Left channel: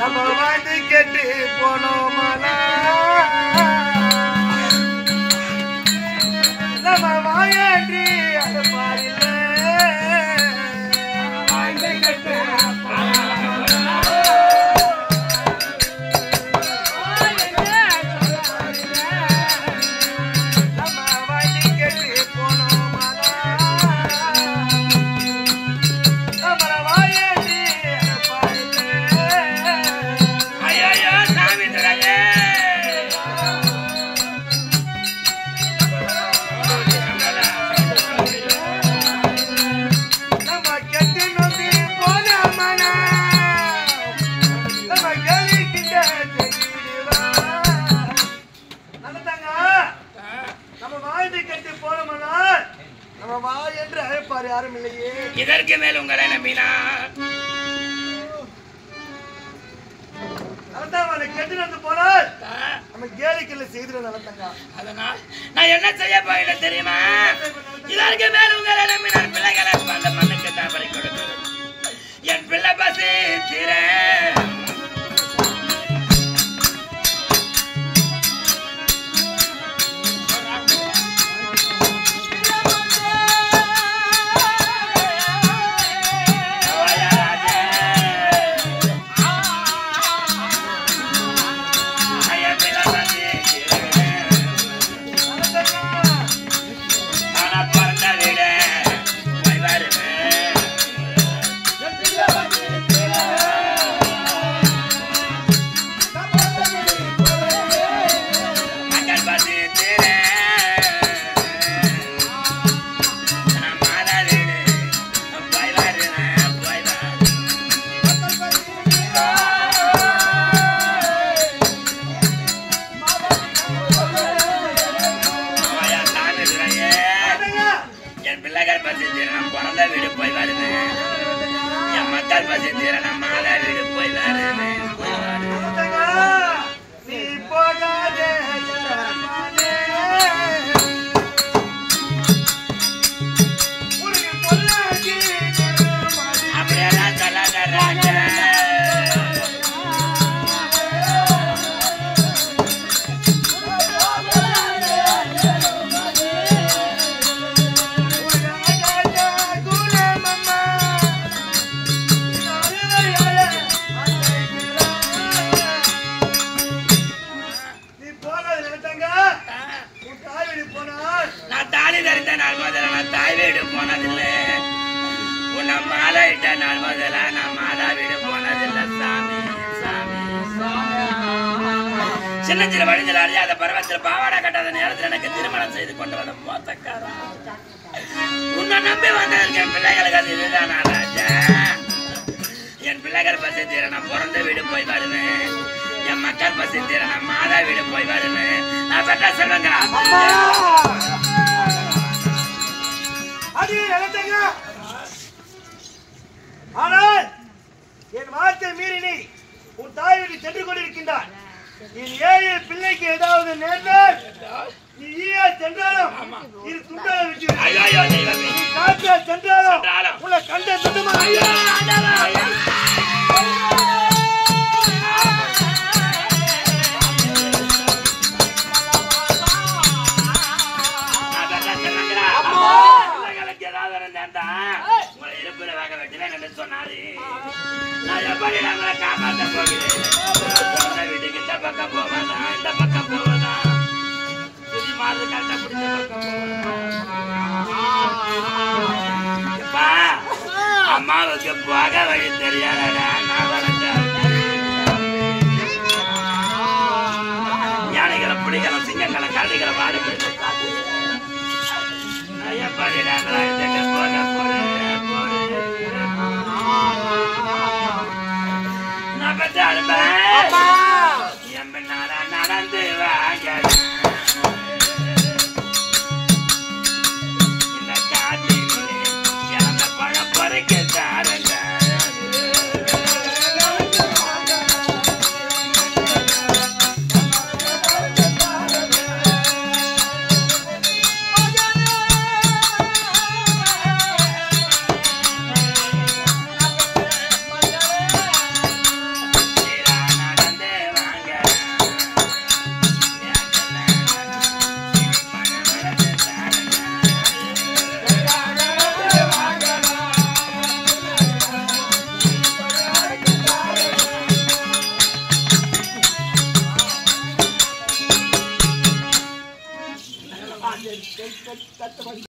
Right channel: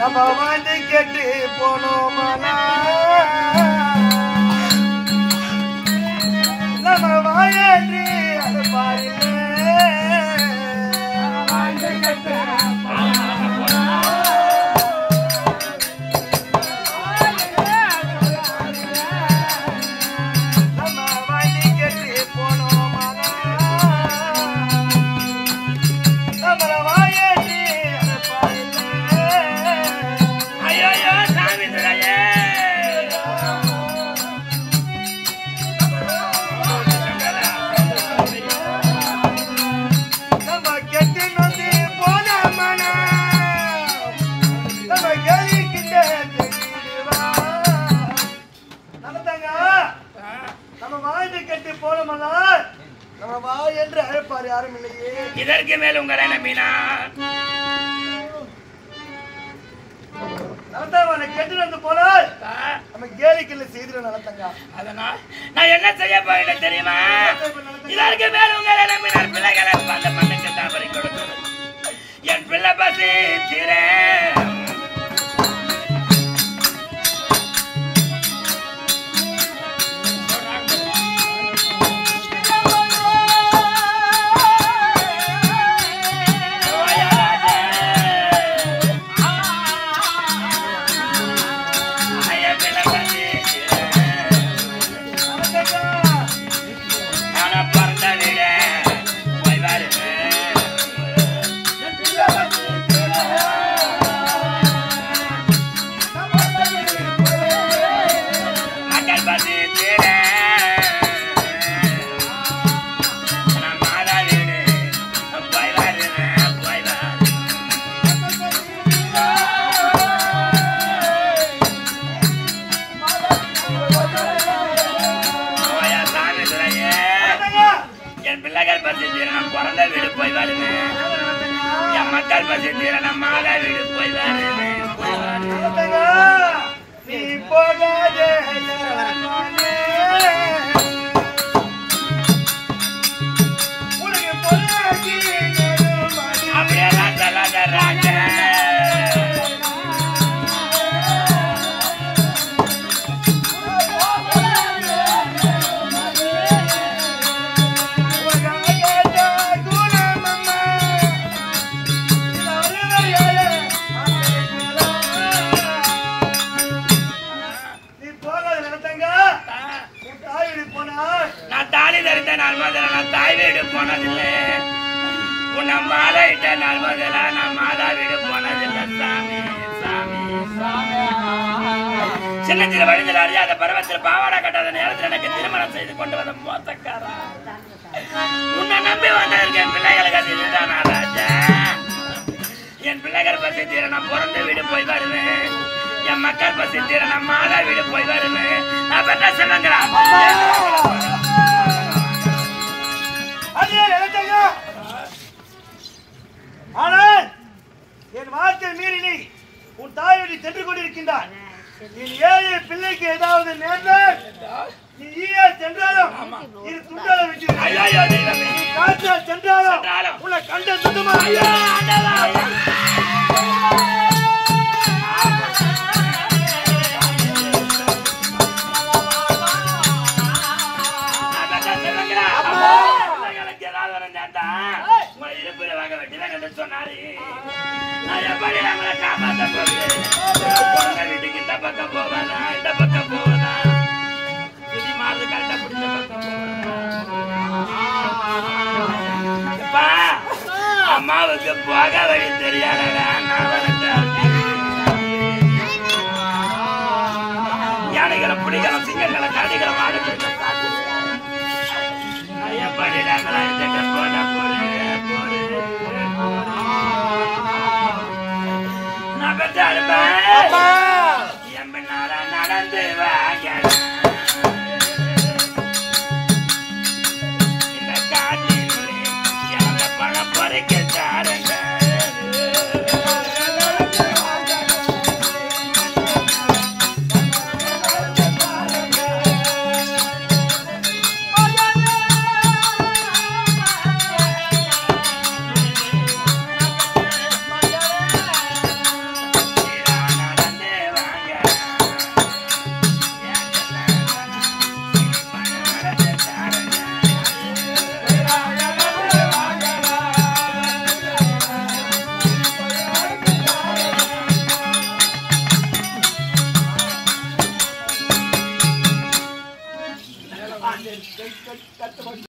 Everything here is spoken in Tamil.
நம்ம வந்து கெட்டு போனோமலா நம்ம வாயாற்றி அது பாருங்க இதற்கு மேல் உங்களை நம்பினா கெட்டு போனால் நம்ம கேலிக்கல்ல செய்து நடத்தங்க. அதனால் நான் என்ன செய்ய போறேன் தெரியுமா? இதற்கு மேல் உங்களை நம்பினார் பிள்ளைகளை அந்த மண்ணுக்கு தாபரை கொடுத்தது என் பிள்ளை பசி தீர சின்னஞ்சில வழிஞ்சல் அறியாத பருவத்தில் பாவாடா கட்டாத நேரத்தில் எனக்கு திருமணம் செய்து கொண்டு வந்த மோசக்காரா உன்னை நம்பி வந்ததற்கு என் பிள்ளைகளுக்கு அது இதுதானா ராஜா? என் பிள்ளைகள் பசி தீர நான் பிறந்த வீடு போய் வருவேன், என் மக்கள் பசி தீர நான் மாதா வீடு போய் வருவேன். நான் பெற்ற சொல்லுங்களா ஆனால் என் வார்த்தை மீறி நீ உன் தாய் வீட்டு சென்று கொண்டிருக்கின்றார். என் ஏழை பிள்ளைக்கு ஏதாவது நேர்ந்தால் நீ ஈயா சென்றாலும் இது துண்டால விட்டு நீ காற்றா சென்றாலும் உன்னை கண்ட துண்டுமா சொன்னாரு காப்பாற்ற போகிறேன். வீட்டுக்கு இந்த பக்கம் போவானா இந்த பக்கம் போவானா சுத்தி மாது கட்ட பிடிச்ச பக்கம் போவானா அம்மாவுக்கு போக வழி தெரியாதா? யானைகளை பிடிக்கலாம், சிங்கங்களை கரடிகளை மாடு பிடிக்க காட்டு போன போடு நான் பெற்ற அனுப்ப நடந்து வாங்க இந்த காட்டினுடைய இறந்த பழம் பறிக்க தாருங்க. கட்டு பண்ணி